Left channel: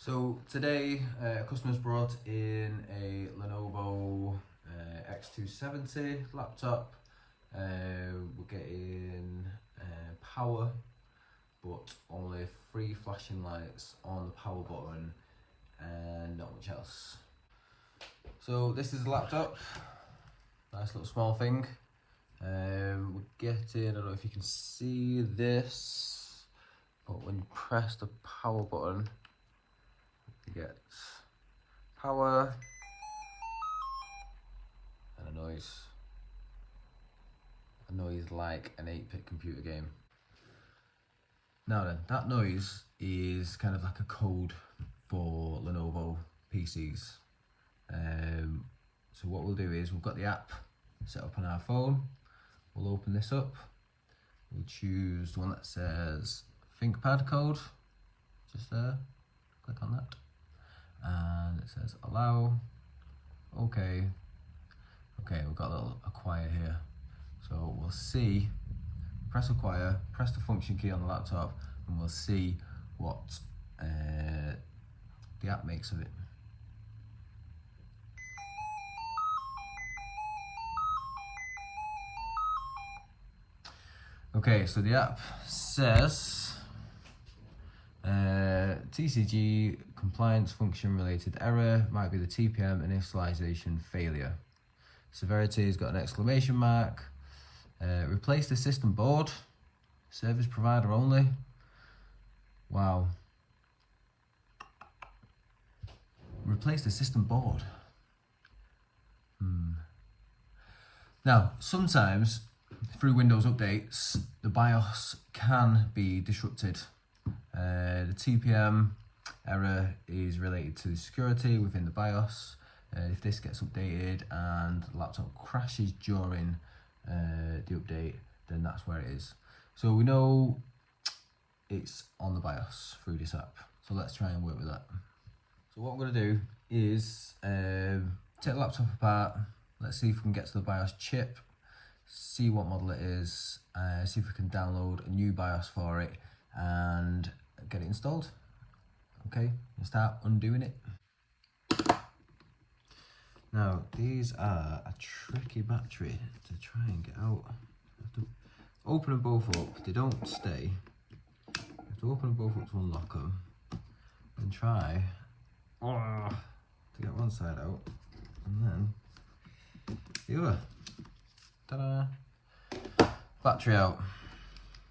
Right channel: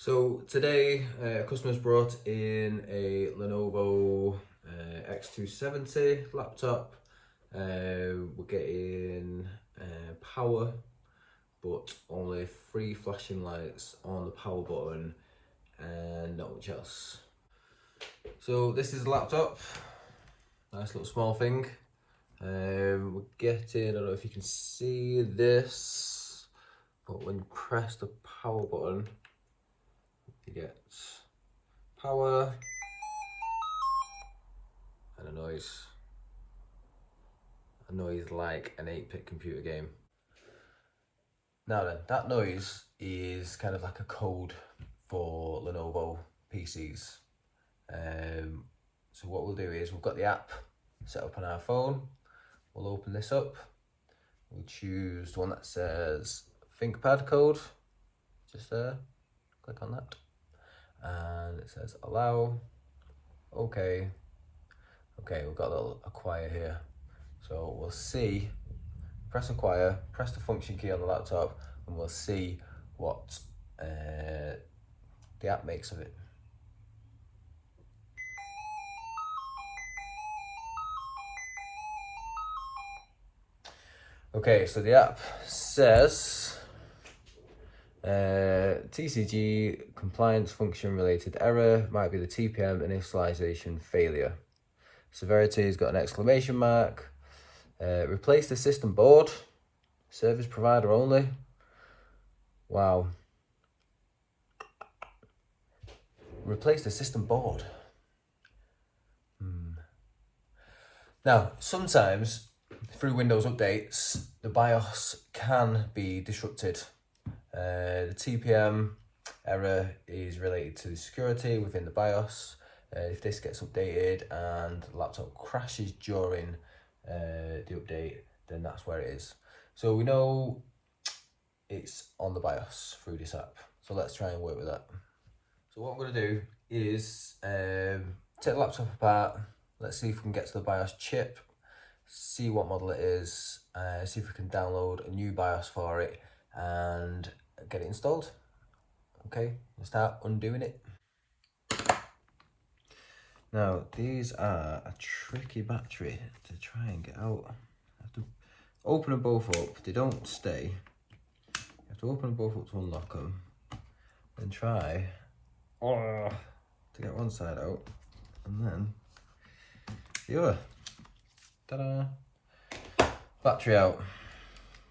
So today, customers brought in a Lenovo X270 laptop. We're getting power, but only 3 flashing lights on the power button and not much else. So this is the laptop, nice little small thing. We're getting, I don't know if you can see this, but when you press the power button, you get power and a noise like an 8-bit computer game. Now then, that noise is kind of like a code for Lenovo PCs. So what we'll do is we've got the app set up on our phone. We'll open this up. We'll choose the one that says ThinkPad code, just there. Click on that. And it says allow. Okay, we've got a little acquire here. So we'll see, press acquire, press the function key on the laptop, and we'll see what the app makes of it. Okay, so the app says TCG compliance function related error, might be the TPM initialization failure. Severity has got an exclamation mark. Replace the system board, service provider only. Wow. Replace the system board. Now, sometimes through Windows updates, the BIOS can be disrupted. The TPM error is related to the security within the BIOS. If this gets updated and the laptop crashes during the update, then that's where it is. So we know it's on the BIOS through this app. So let's try and work with that. So what I'm going to do is take the laptop apart. Let's see if we can get to the BIOS chip, see what model it is, see if we can download a new BIOS for it and get it installed. Okay, we'll start undoing it. Now, these are a tricky battery to try and get out. I have to open them both up, they don't stay. You have to open them both up to unlock them and try to get one side out and then the other. Ta-da! Battery out.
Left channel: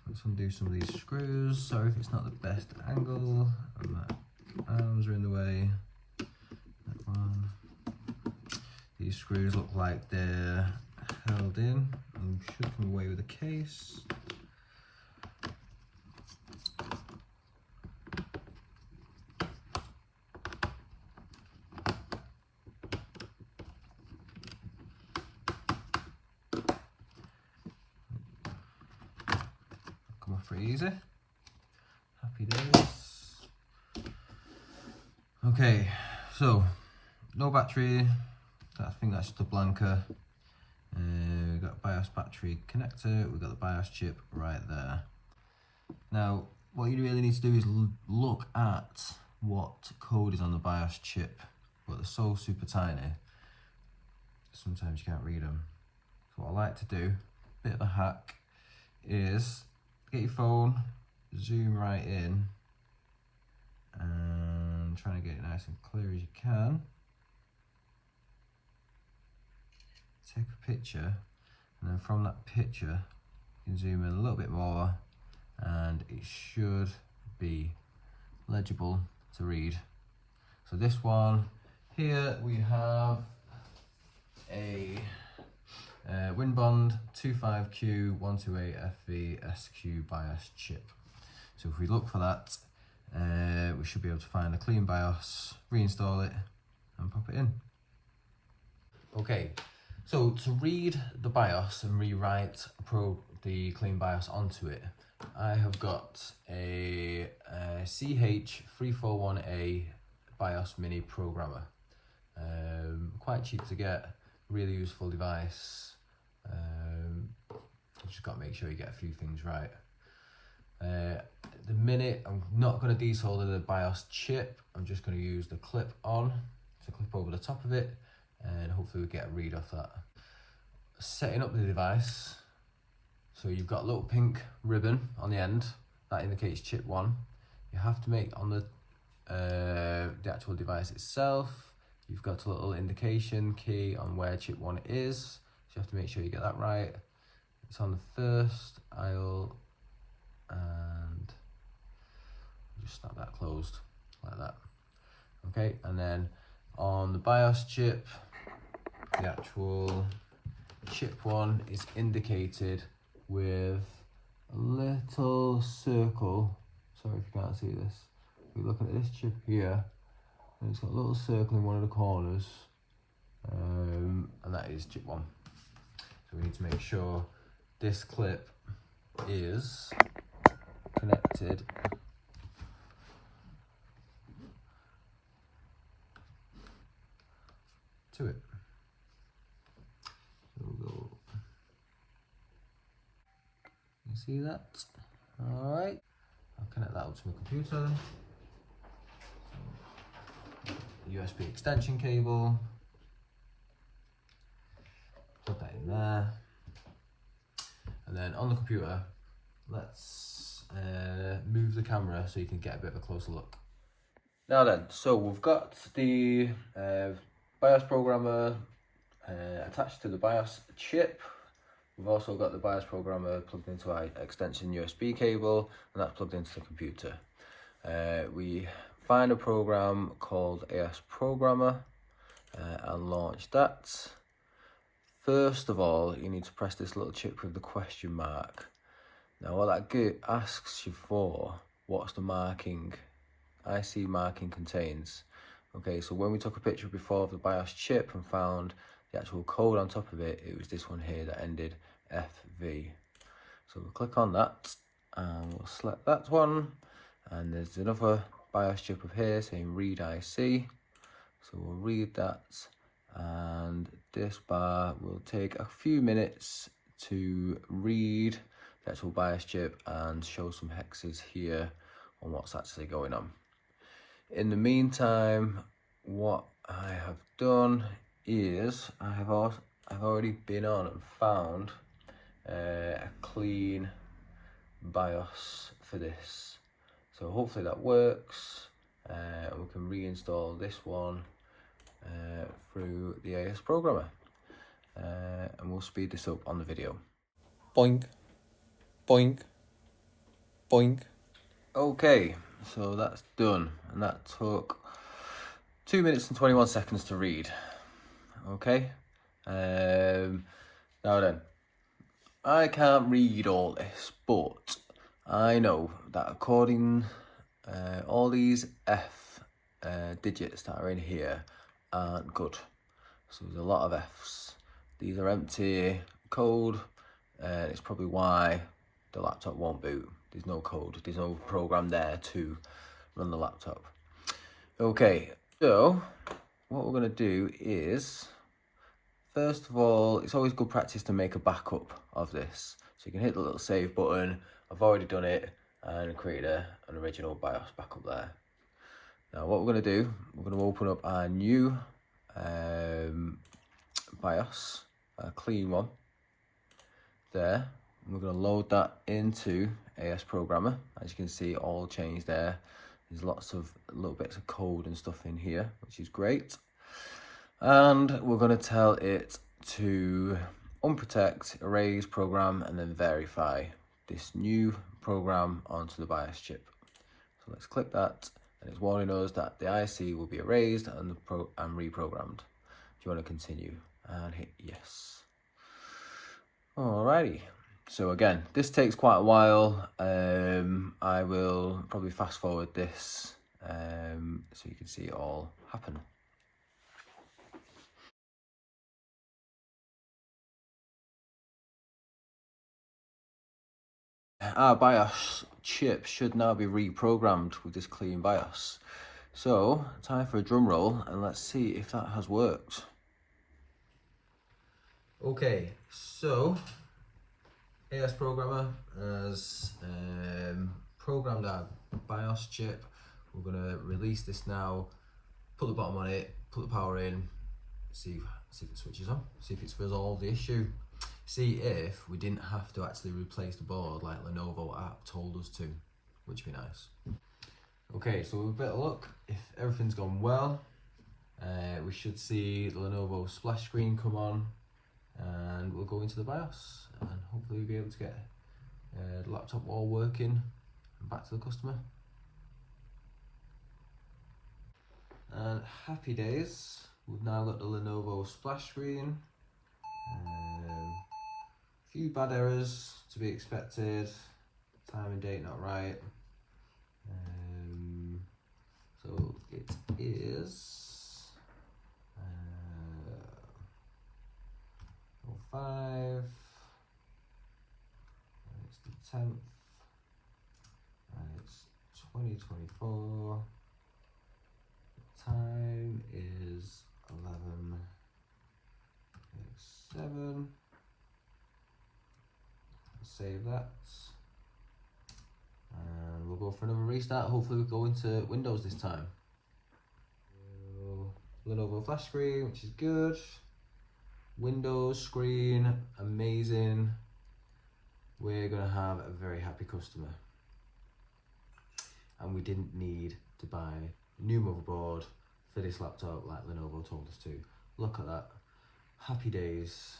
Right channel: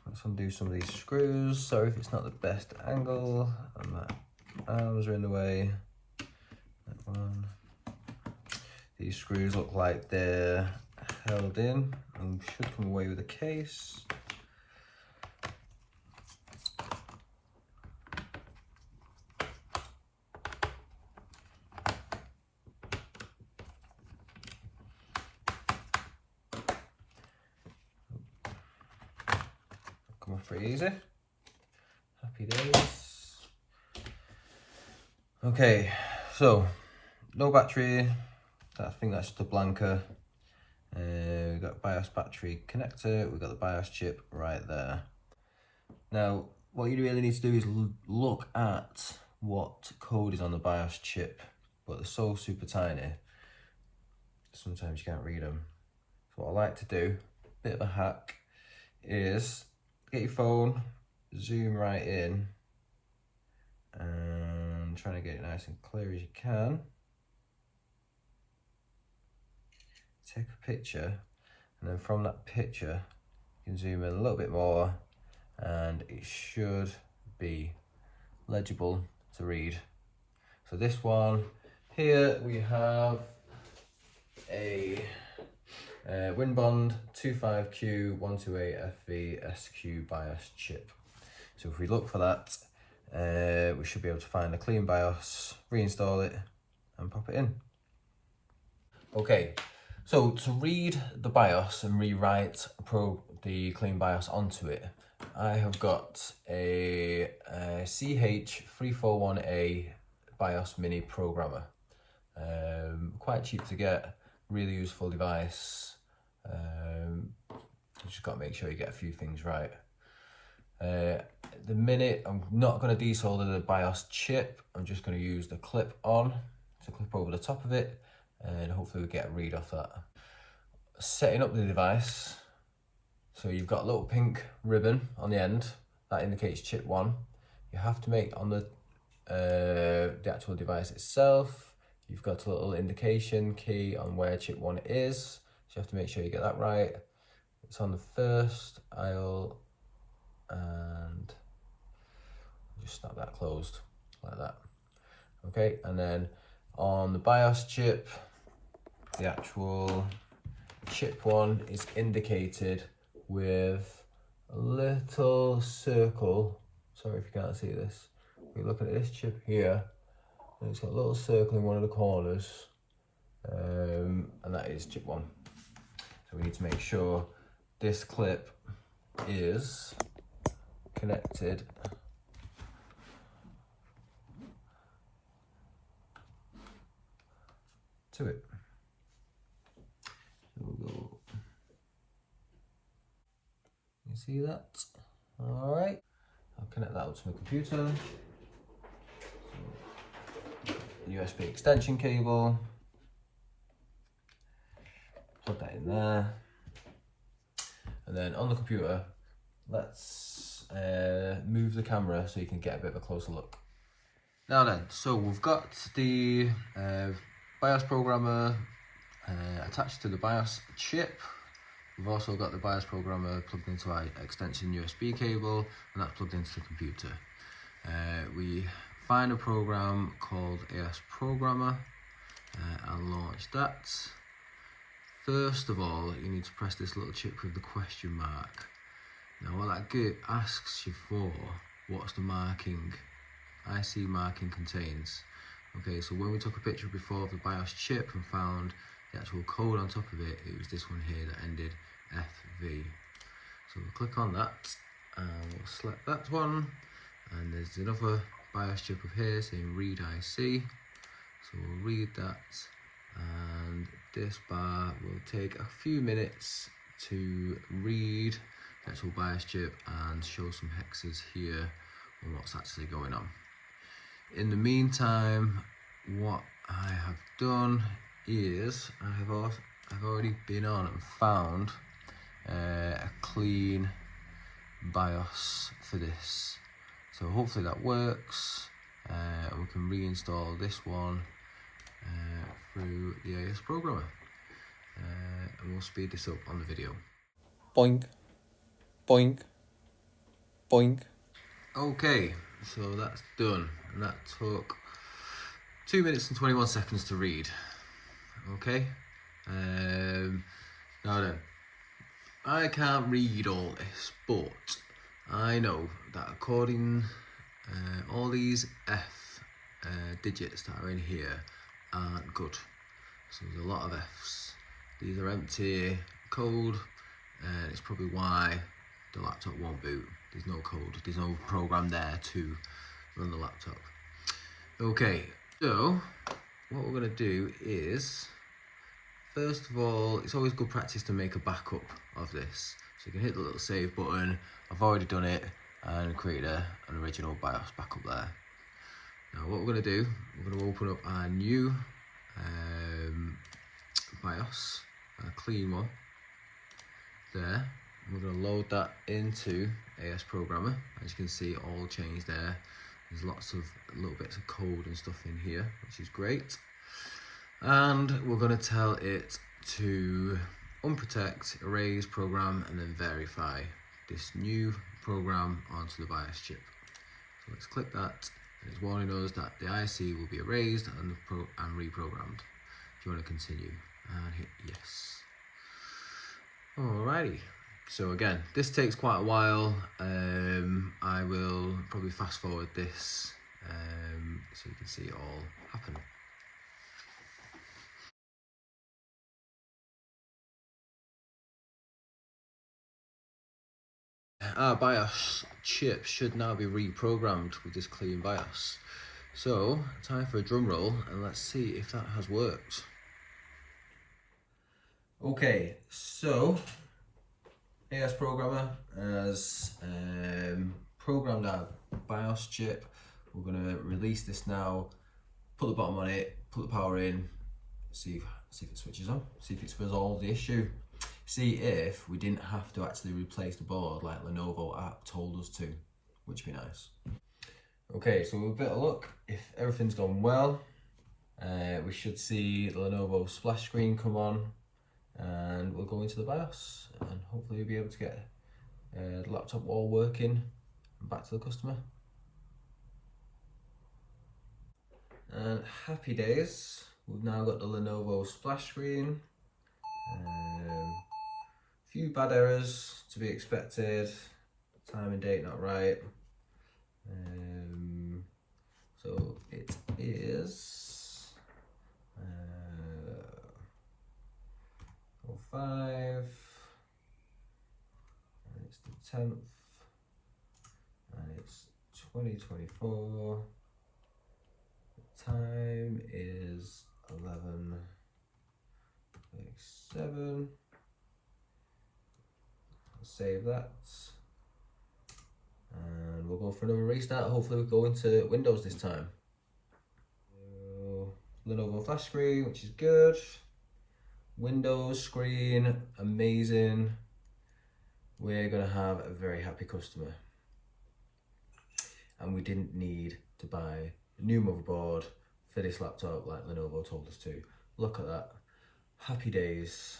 Let's undo some of these screws. Sorry if it's not the best angle and my arms are in the way. That one. These screws look like they're held in and should come away with a case. Come off pretty easy. Happy days. Okay, so no battery. I think that's just a blanker. We've got BIOS battery connector, we've got the BIOS chip right there. Now, what you really need to do is look at what code is on the BIOS chip, but they're so super tiny, sometimes you can't read them. So what I like to do, bit of a hack, is get your phone, zoom right in, and trying to get it nice and clear as you can. Take a picture, and then from that picture you can zoom in a little bit more and it should be legible to read. So this one here, we have a Winbond 25Q128FV SQ BIOS chip. So if we look for that, we should be able to find a clean BIOS, reinstall it and pop it in. Okay. So to read the BIOS and rewrite the clean BIOS onto it, I have got a CH341A BIOS Mini Programmer. Quite cheap to get, really useful device. You just got to make sure you get a few things right. The minute I'm not going to desolder the BIOS chip, I'm just going to use the clip on to clip over the top of it, and hopefully we get a read off that. Setting up the device, so you've got a little pink ribbon on the end that indicates chip 1. You have to make on the actual device itself, you've got a little indication key on where chip 1 is, so you have to make sure you get that right. It's on the first aisle, and just snap that closed like that. Okay, and then on the BIOS chip, the actual chip 1 is indicated with a little circle. Sorry if you can't see this. If you're looking at this chip here, and it's got a little circle in one of the corners, and that is chip 1. So we need to make sure this clip is connected to it. You see that? All right. I'll connect that up to my computer. USB extension cable. Plug that in there. And then on the computer, let's move the camera so you can get a bit of a closer look. Now then, so we've got the BIOS programmer attached to the BIOS chip. We've also got the BIOS programmer plugged into our extension USB cable, and that's plugged into the computer. We find a program called AS Programmer and launch that. First of all, you need to press this little chip with the question mark. Now what that asks you for, what's the marking, IC marking contains. Okay, so when we took a picture before of the BIOS chip and found the actual code on top of it, it was this one here that ended FV. So we'll click on that and we'll select that one, and there's another BIOS chip up here saying read IC. So we'll read that, and this bar will take a few minutes to read the actual BIOS chip and show some hexes here on what's actually going on. In the meantime, what I have done is I've already been on and found a clean BIOS for this. So hopefully that works. We can reinstall this one through the AS Programmer, and we'll speed this up on the video. Boink, boink, boink. Okay, so that's done, and that took 2 minutes and 21 seconds to read. Okay, now then, I can't read all this, but I know that according all these F digits that are in here aren't good. So there's a lot of Fs. These are empty code, and it's probably why the laptop won't boot. There's no code, there's no program there to run the laptop. Okay, so what we're going to do is, first of all, it's always good practice to make a backup of this. So you can hit the little save button. I've already done it and created an original BIOS backup there. Now what we're going to do, we're going to open up our new BIOS, a clean one there. We're going to load that into AS Programmer. As you can see, all changed there. There's lots of little bits of code and stuff in here, which is great. And we're going to tell it to unprotect, erase, program, and then verify this new program onto the BIOS chip. So let's click that, and it's warning us that the IC will be erased and reprogrammed. Do you want to continue? And hit yes. Alrighty. So again, this takes quite a while. I will probably fast forward this so you can see it all happen. Our BIOS chip should now be reprogrammed with this clean BIOS. So, time for a drum roll, and let's see if that has worked. Okay, so AS programmer has programmed our BIOS chip. We're going to release this now, put the bottom on it, put the power in, see if it switches on, see if it's resolved the issue, see if we didn't have to actually replace the board like Lenovo app told us to, which would be nice. Okay, so with a bit of luck, if everything's gone well, we should see the Lenovo splash screen come on, and we'll go into the BIOS and hopefully we'll be able to get the laptop all working and back to the customer. And happy days, we've now got the Lenovo splash screen. Few bad errors to be expected, time and date not right. So it is 05, and it's the 10th, and it's 2024. The time is 11:07. Save that, and we'll go for another restart. Hopefully we'll go into Windows this time. Lenovo flash screen, which is good. Windows screen, amazing. We're gonna have a very happy customer. And we didn't need to buy a new motherboard for this laptop like Lenovo told us to. Look at that, happy days.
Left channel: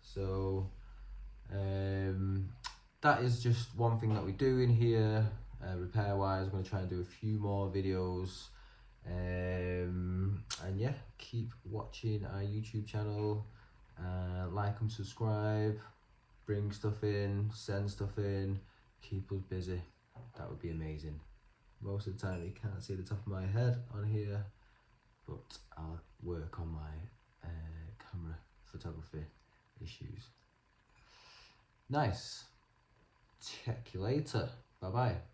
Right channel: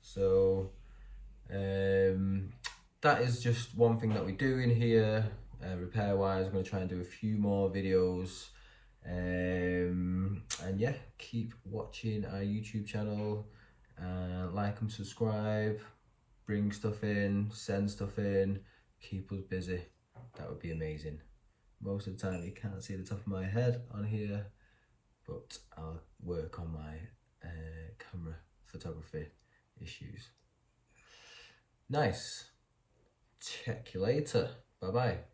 So that is just one thing that we do in here, repair wise. I'm going to try and do a few more videos, and yeah, keep watching our YouTube channel, like and subscribe, bring stuff in, send stuff in, keep us busy. That would be amazing. Most of the time you can't see the top of my head on here, but I'll work on my camera photography issues. Nice. Check you later. Bye bye.